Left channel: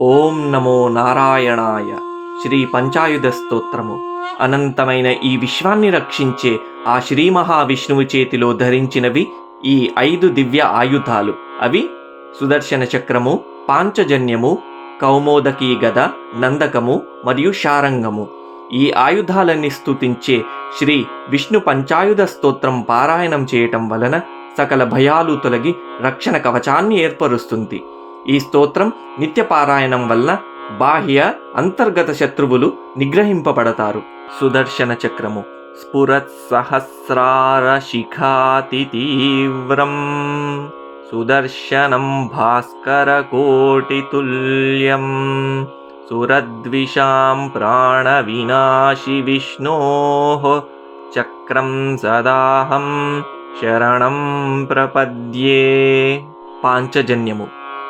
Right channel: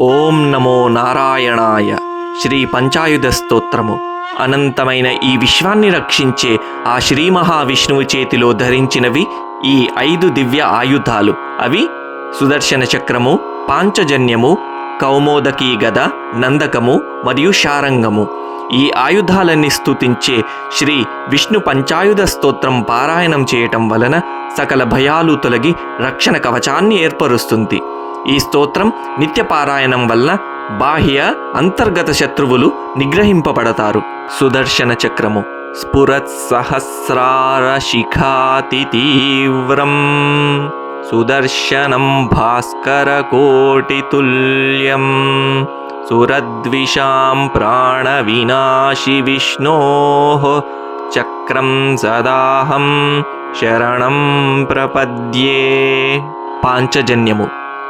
ఓం నమో నారాయణాయ. శ్రీ పంచాయుధ స్తోత్రము. అనంతమైన ఈ విశ్వాన్ని రక్షించే ఆ శ్రీ మహావిష్ణువు చేతిలో ధరించినవి ఈ 5 దివ్య ఆయుధాలు. అవి సుదర్శన చక్రము, పాంచజన్యము, కౌమోదకీ గద, నందకము మరియు శారంగము. ఈ ఆయుధాలన్నీ స్తుతించే శ్రీ విష్ణు పంచాయుధ స్తోత్రం పారాయణం చేయటం వలన సకల భయాలు తొలగి రక్షణ కవచాన్ని ఏర్పరుస్తుంది. ఈ స్తోత్రం నిత్య పారాయణం వల్ల బాహ్య అంతర్గత శత్రువులు నిగ్రహింపబడతారు. సుదర్శన చక్రము. స్ఫురత్ సహస్రార శిఖాతి తీవ్రం సుదర్శనం భాస్కర కోటి తుల్యం సురద్విషాం ప్రాణ వినాశి విష్ణోః చక్రం సదాహం శరణం ప్రపద్యే. పాంచజన్యము.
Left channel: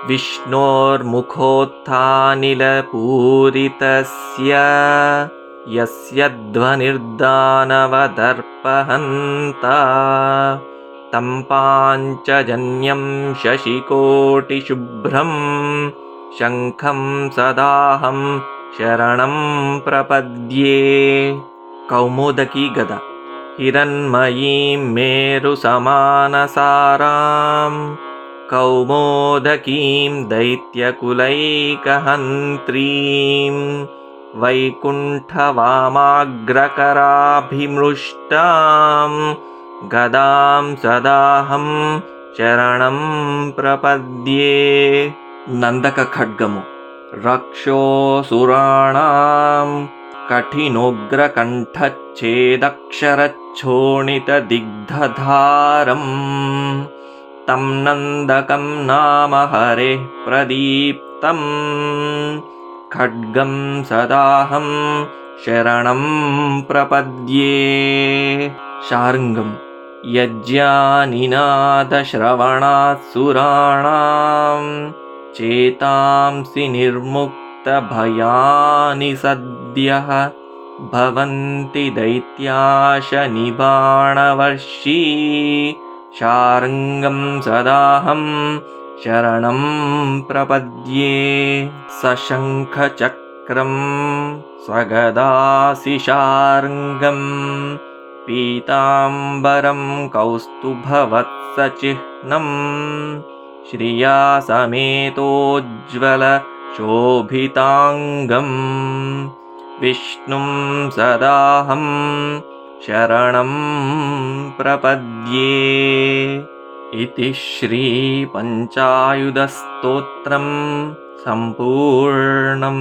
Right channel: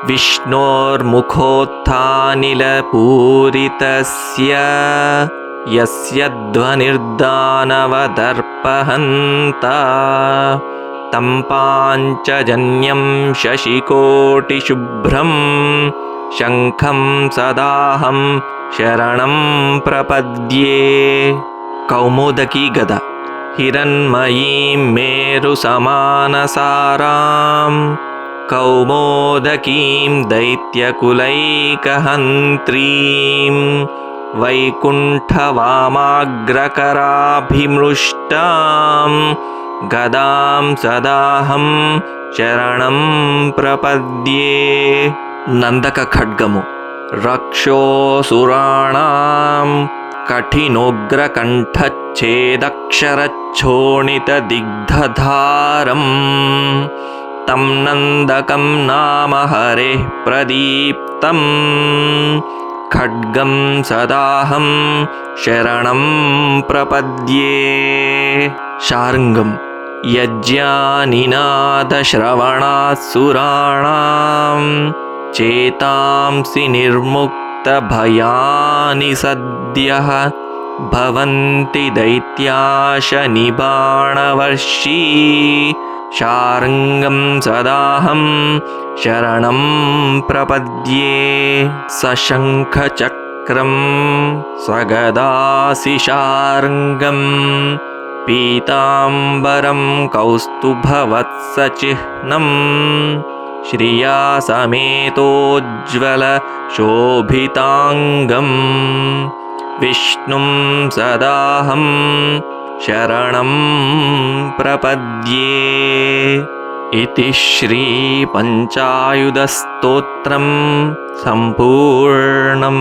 విష్ణోర్ముఖోత్థానిలపూరితస్య యస్య ధ్వనిర్దానవదర్పహంతా తం పాంచజన్యం శశికోటిశుభ్రం శంఖం సదాహం శరణం ప్రపద్యే. కౌమోదకీ గద. హిరణ్మయీం మేరు సమానసారాం కౌమోదకీం దైత్యకులైకహంత్రీం వైకుంఠవామాగ్రకరాభిమృష్టాం గదాం సదాహం శరణం ప్రపద్యే. నందక ఖడ్గము. రక్షోసురాణాం కఠినోగ్రకంఠచ్ఛేదక్షరచ్చోణితదిగ్ధధారం తం నందకం నామ హరేః ప్రదీప్తం ఖడ్గం సదాహం శరణం ప్రపద్యే. శార్ంగం. యజ్ఞానినాదశ్రవణాత్సురాణాం చేతాంసి నిర్ముక్తభయాని సద్యః భవంతి దైత్యాశ నిబాణవర్షీ శార్ంగం సదాహం శరణం ప్రపద్యే. సశంఖచక్రం సగదాసి శార్ంగం పీతాంబరం కౌస్తుభవత్సచిహ్నం శ్రియా సమేతోజ్వల శోభితాంగం విష్ణుం సదాహం శరణం ప్రపద్యే. ఇతి శ్రీ పంచాయుధ స్తోత్రం సంపూర్ణం.